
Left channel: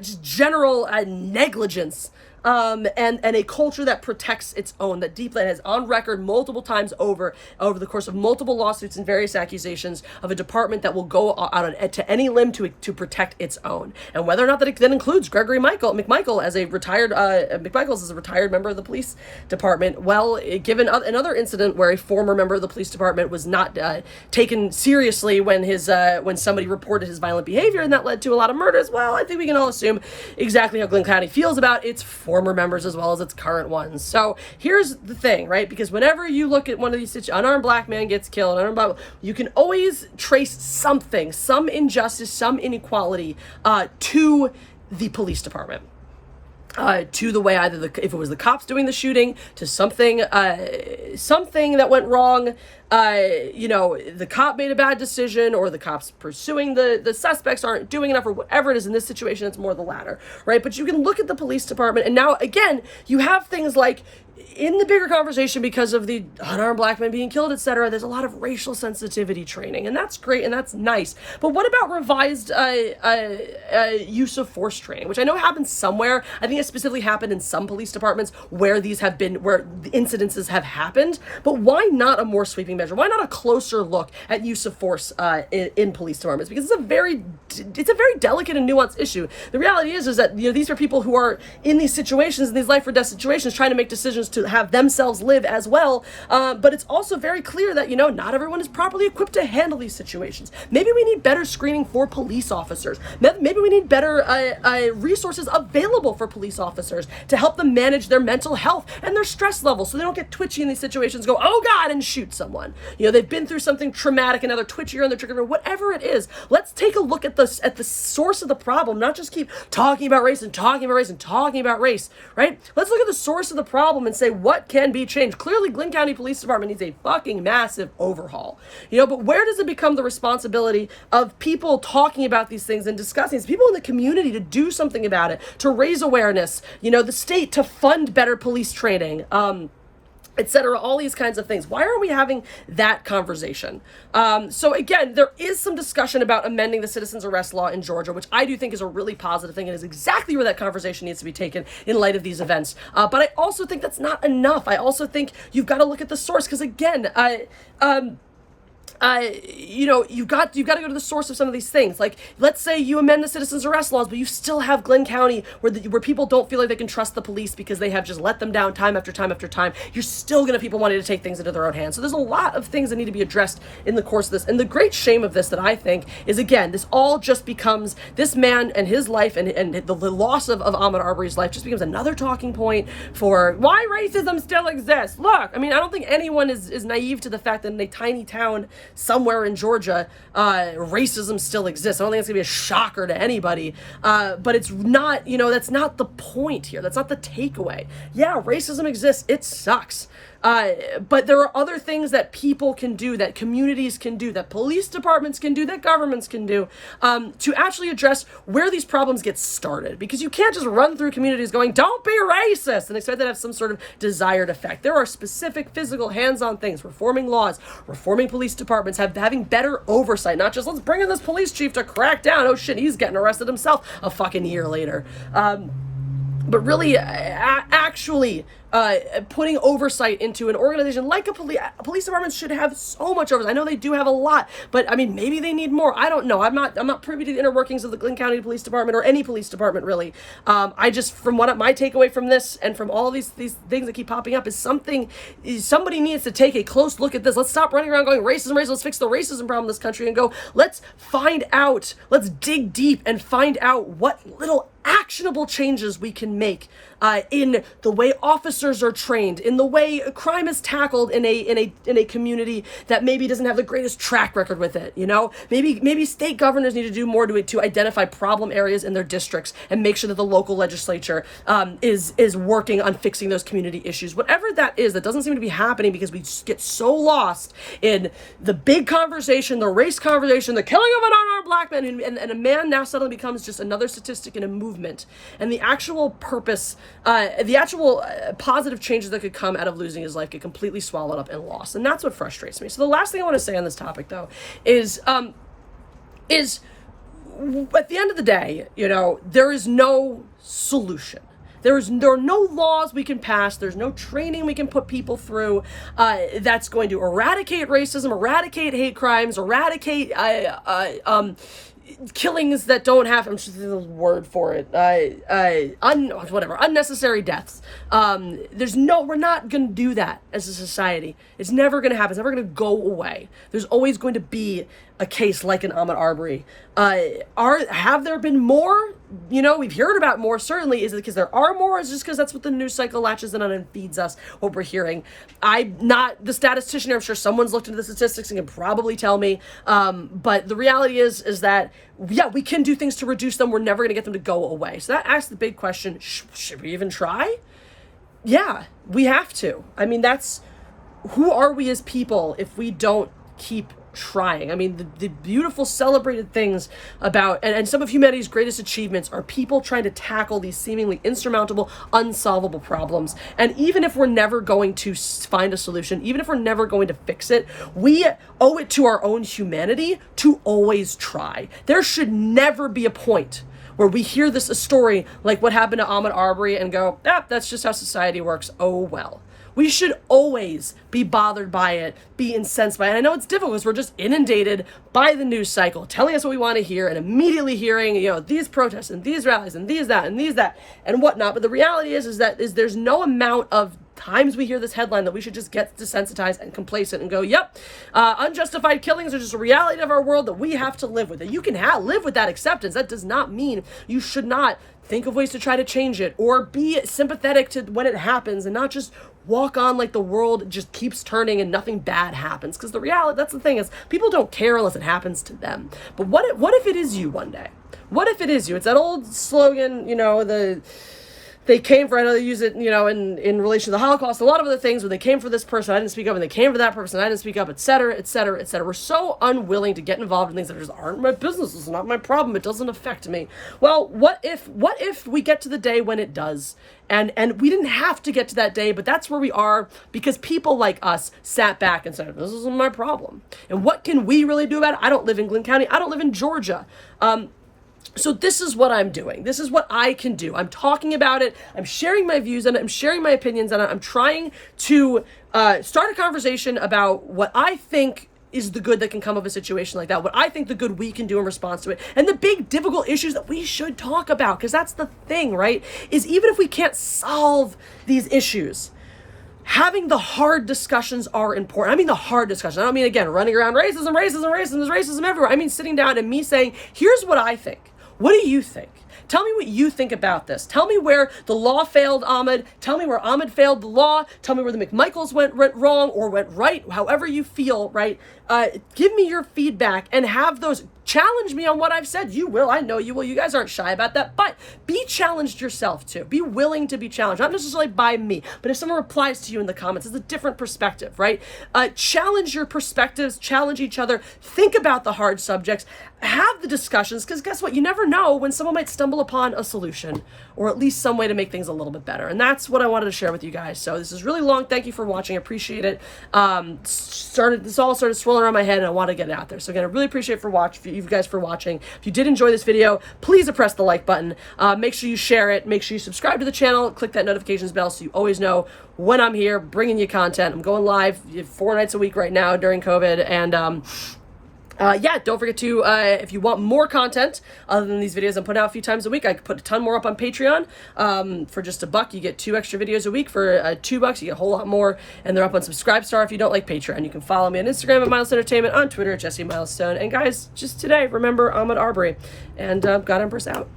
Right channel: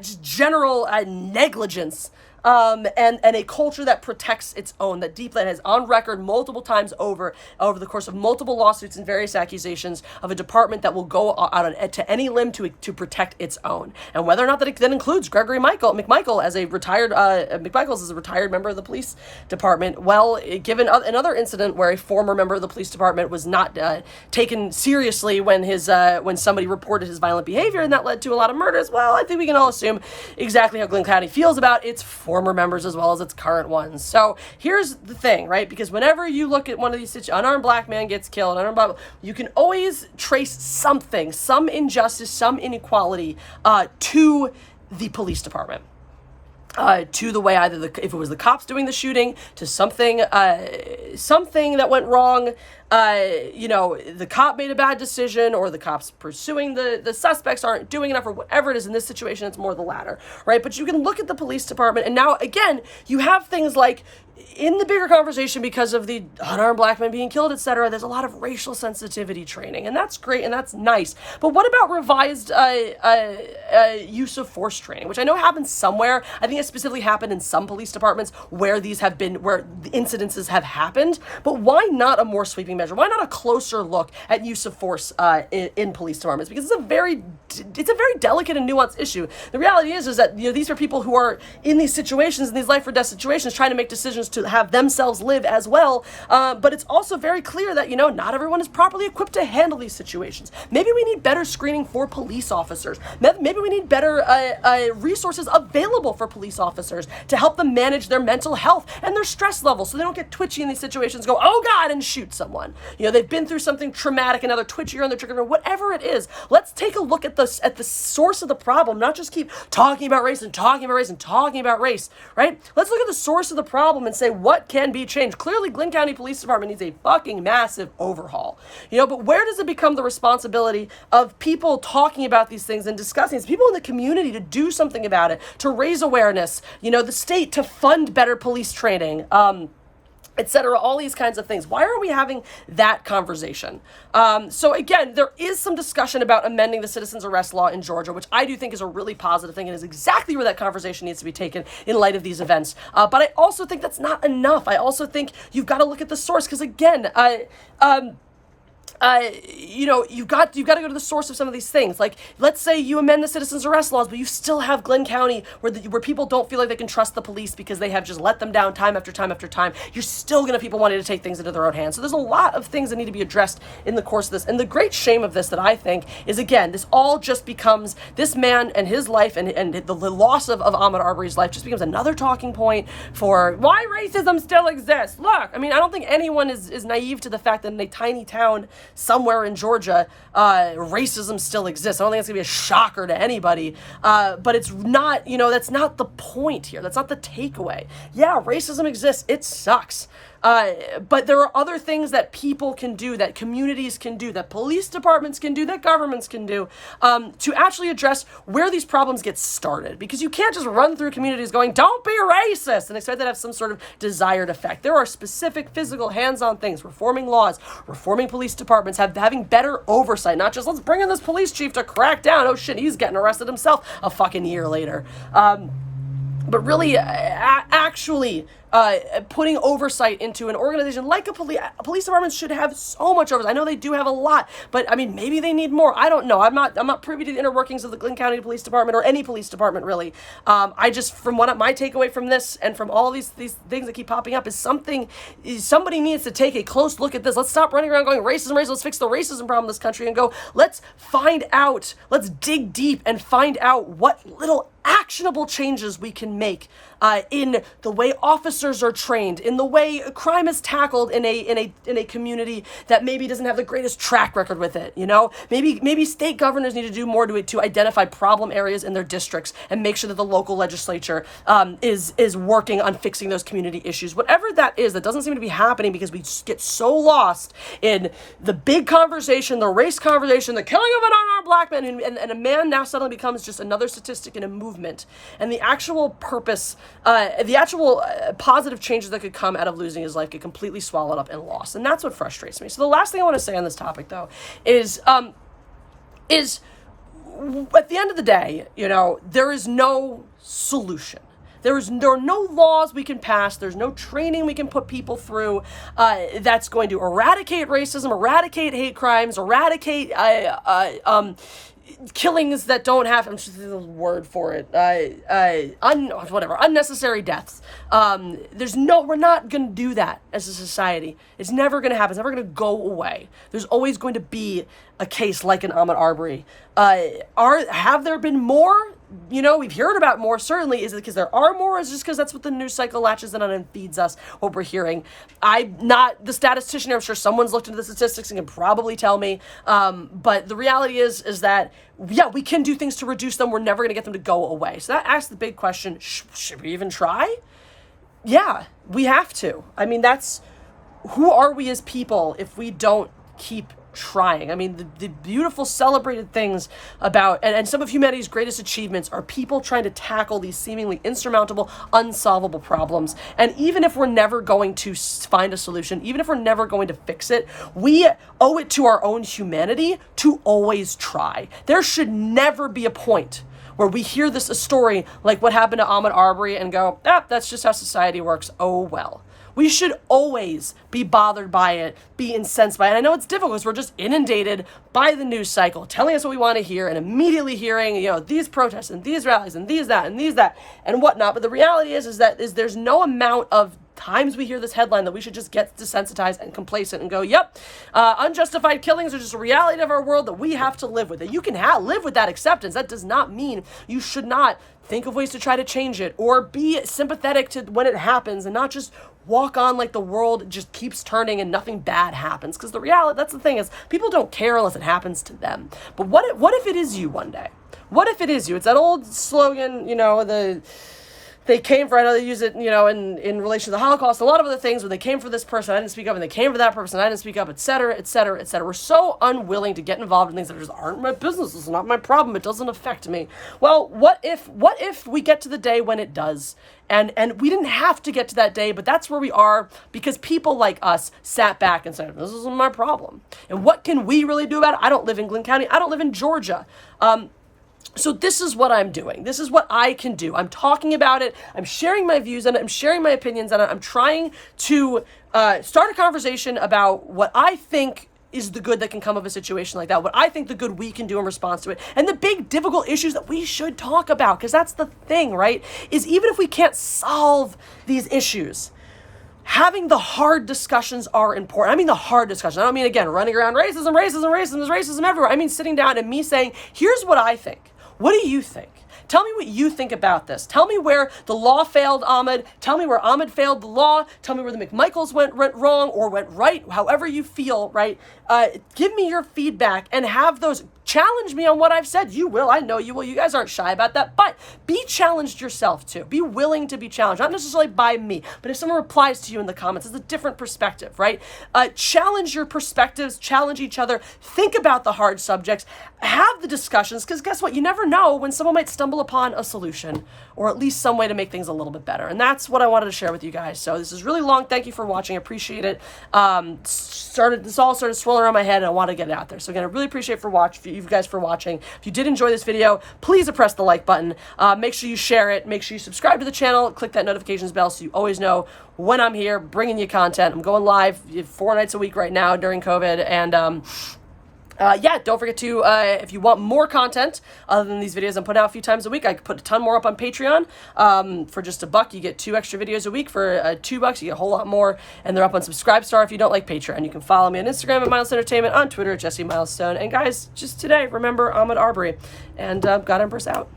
just general negligence. And a culture that protects its own, that has on record multiple times over the course of multiple lawsuits and various accusations of a department that will go out to any limb to protect its own. And whether or not that includes Gregory McMichael as a retired, McMichaels is a retired member of the police department. Well, given another incident where a former member of the police department was not taken seriously when somebody reported his violent behavior, and that led to a lot of murders, well, I think we can all assume exactly how Glynn County feels about its former members as well as its current ones. So here's the thing, right? Because whenever you look at one of these situations, unarmed black man gets killed, you can always trace something, some injustice, some inequality to the police department. To the way if it was the cops doing the shooting, to something that went wrong, the cop made a bad decision, or the cops pursuing the suspects aren't doing enough, or whatever it is. In this situation, it's more the latter, right? But you can look at the police department, and now, again, you have things like, in the bigger conversation, because of the unarmed black men being killed, etc., there's a lot of racial sensitivity training, and that's great and that's nice. But what about revised use of force training, which I know happens somewhere? I think it specifically happened in some police departments where the incidences have happened. But why not a more sweeping measure? Why not a closer look at use of force in police departments? Because it's a very delicate and nuanced issue. The reality is that these are people who are in these situations, in these life or death situations, trying to make decisions to have themselves live as well. But it's also very clear that, not everyone is properly equipped to handle these situations. Maybe we need better screening for police officers. Maybe we need better resources available for police officers to help them manage their mental health and their stress levels so they don't get twitchy in these situations, go, oh God, and shoot someone. They've been through something traumatic and now they're twitchier on the trigger, whatever it is. Let's take a look at the source of the problem, not just keep talking about race and talking about race and talking about race, right? Let's look at the source of the problem and say what can be changed. Clearly, Glynn County Police Department needs a fucking massive overhaul, but where does it become the responsibility of people talking about these things and discussing these, people in the community to do something about it, to raise awareness, the state to fund better police training, etc., all these kinds of things. Why are we having that conversation? So again, there is some discussion about amending the citizens arrest law in Georgia, which I do think is a really positive thing and is exactly where that conversation needs to be taken in light of these events. But I also think that's not enough. I also think you've got to look at the source, because again, you've got to go to the source of some of these things. Like, let's say you amend the citizens arrest laws, but you still have Glynn County where people don't feel like they can trust the police because they have just let them down time after time after time. You're still going to have people wanting to take things into their own hands. So there's a lot of things that need to be addressed in the course of this. And the great shame of this that I think is, again, this all just becomes, this man and his life and the loss of Ahmaud Arbery's life just becomes another talking point for why racism still exists. Look, I don't think anyone is naive to the fact that in a tiny town somewhere in Georgia, racism still exists. I don't think it's gonna be a shocker to anybody, but it's not, that's not the point here. That's not the takeaway. Yeah, racism exists. It sucks. But there are other things that people can do, that communities can do, that police departments can do, that governments can do, to actually address where these problems get started. Because you can't just run through communities going, don't be racist, and expect that to have some sort of desired effect. There are specific physical hands-on things, reforming laws, reforming police departments, having better oversight, not just let's bring in this police chief to crack down. Oh shit, he's getting arrested himself a fucking year later. But really, actually putting oversight into an organization like police departments should have so much oversight. I know they do have a lot, but maybe they need more. I don't know. I'm not privy to the inner workings of the Glynn County Police Department or any police department really. I just, from what my takeaway from this and from all these things that keep popping up is somebody needs to take a close look at this. Let's stop running around going racism. Let's fix the racism problem in this country and go, let's dig deep and find out what little actionable changes we can make in the way officers are trained, in the way crime is tackled in a community that maybe doesn't have the greatest track record with it. Maybe state governors need to do more to identify problem areas in their districts and make sure that the local legislature is working on fixing those community issues. Whatever that is, that doesn't seem to be happening because we get so lost in the big conversation, the race conversation, the killing of an unarmed black man, and a man now suddenly becomes just another statistic in a movement. And the actual purpose, positive changes that could come out of losing his life get completely swallowed up and lost. And that's what frustrates me. So the last thing I want to say on this topic, though, is at the end of the day, there is no solution. There are no laws we can pass. There's no training we can put people through that's going to eradicate racism, eradicate hate crimes, eradicate killings that don't have, I'm just the word for it, unnecessary deaths. We're not going to do that as a society. It's never going to happen. It's never going to go away. There's always going to be a case like an Ahmaud Arbery. Have there been more? We've heard about more, certainly. Is it because there are more, or is it just because that's what the news cycle latches in on and feeds us what we're hearing? I'm not the statistician. I'm sure someone's looked into the statistics and can probably tell me. But the reality is that, yeah, we can do things to reduce them. We're never going to get them to go away. So that asks the big question, should we even try? Yeah, we have to. Who are we as people if we don't keep trying? The beautiful celebrated things about and some of humanity's greatest achievements are people trying to tackle these seemingly insurmountable, unsolvable problems. And even if we're never going to find a solution, even if we're never going to fix it, we owe it to our own humanity to always try. There should never be a point where we hear a story like what happened to Ahmaud Arbery and go, that's just how society works. Oh, well. We should always be bothered by it, be incensed by it. And I know it's difficult because we're just inundated by the news cycle, telling us what we want to hear and immediately hearing, these protests and these rallies and these that and whatnot. But the reality is that there's no amount of times we hear this headline that we should just get desensitized and complacent and go, yep, unjustified killings are just a reality of our world that we have to live with. That you can live with that acceptance. That does not mean you should not think of ways to try to change it or be sympathetic to when it happens and not just walk on like the world just keeps turning and nothing bad happens. Because the reality, that's the thing, is people don't care unless it happens to them. But what if it is you one day? What if it is you? It's that old slogan, they came for, I know they use it, in relation to the Holocaust, a lot of other things. When they came for this person, I didn't speak up, and they came for that person, I didn't speak up, et cetera, et cetera, et cetera. We're so unwilling to get involved in things that just aren't my business. It's not my problem. It doesn't affect me. Well, what if we get to the day when it does? And we didn't have to get to that day, but that's where we are because people like us sat back and said, this isn't my problem. And what can we really do about it? I don't live in Glynn County. I don't live in Georgia. So this is what I'm doing. This is what I can do. I'm talking about it. I'm sharing my views on it. I'm sharing my opinions on it. I'm trying to start a conversation about what I think is the good that can come of a situation like that, what I think the good we can do in response to it, and the big difficult issues that we should talk about, because that's the thing, right? Is even if we can't solve these issues, having the hard discussions are important. I mean the hard discussions. I don't mean, again, running around racism everywhere. I mean sitting down and me saying, here's what I think. What do you think? Tell me what you think about this. Tell me where the law failed Ahmaud. Tell me where Ahmaud failed the law. Tell me where the McMichaels went wrong or went right, however you feel, right? Give me your feedback and have those. Challenge me on what I've said. You will. I know you will. You guys aren't shy about that. But be challenged yourself too. Be willing to be challenged. Not necessarily by me, but if someone replies to you in the comments, it's a different perspective, right? Challenge your perspectives. Challenge each other. Think about the hard subjects. Have the discussions, because guess what? You never know when someone might stumble upon a solution or at least some way to make things a little bit better. And that's what I wanted to share with you guys. So this is really long. Thank you for watching. I appreciate it. This all started swirling around my head and I want to get it out there. So again, I really appreciate you guys for watching. If you did enjoy this video, please press the like button. Make sure you share it. Make sure you subscribe to the channel. Click that notifications bell so you always know when I'm here bringing you content. I'm going live 4 nights a week right now during COVID. And yeah, don't forget to, if you want more content other than these videos I'm putting out a few times a week, I put a ton more up on Patreon. For just $1, you get 2 extra videos a week. For $2, you get a whole lot more. And they're up on Subscribestar if you don't like Patreon. You can follow me on Instagram at Mindless Entertainment, on Twitter at Jesse Milestone. And guys, just today, remember Ahmaud Arbery. And God Empress out.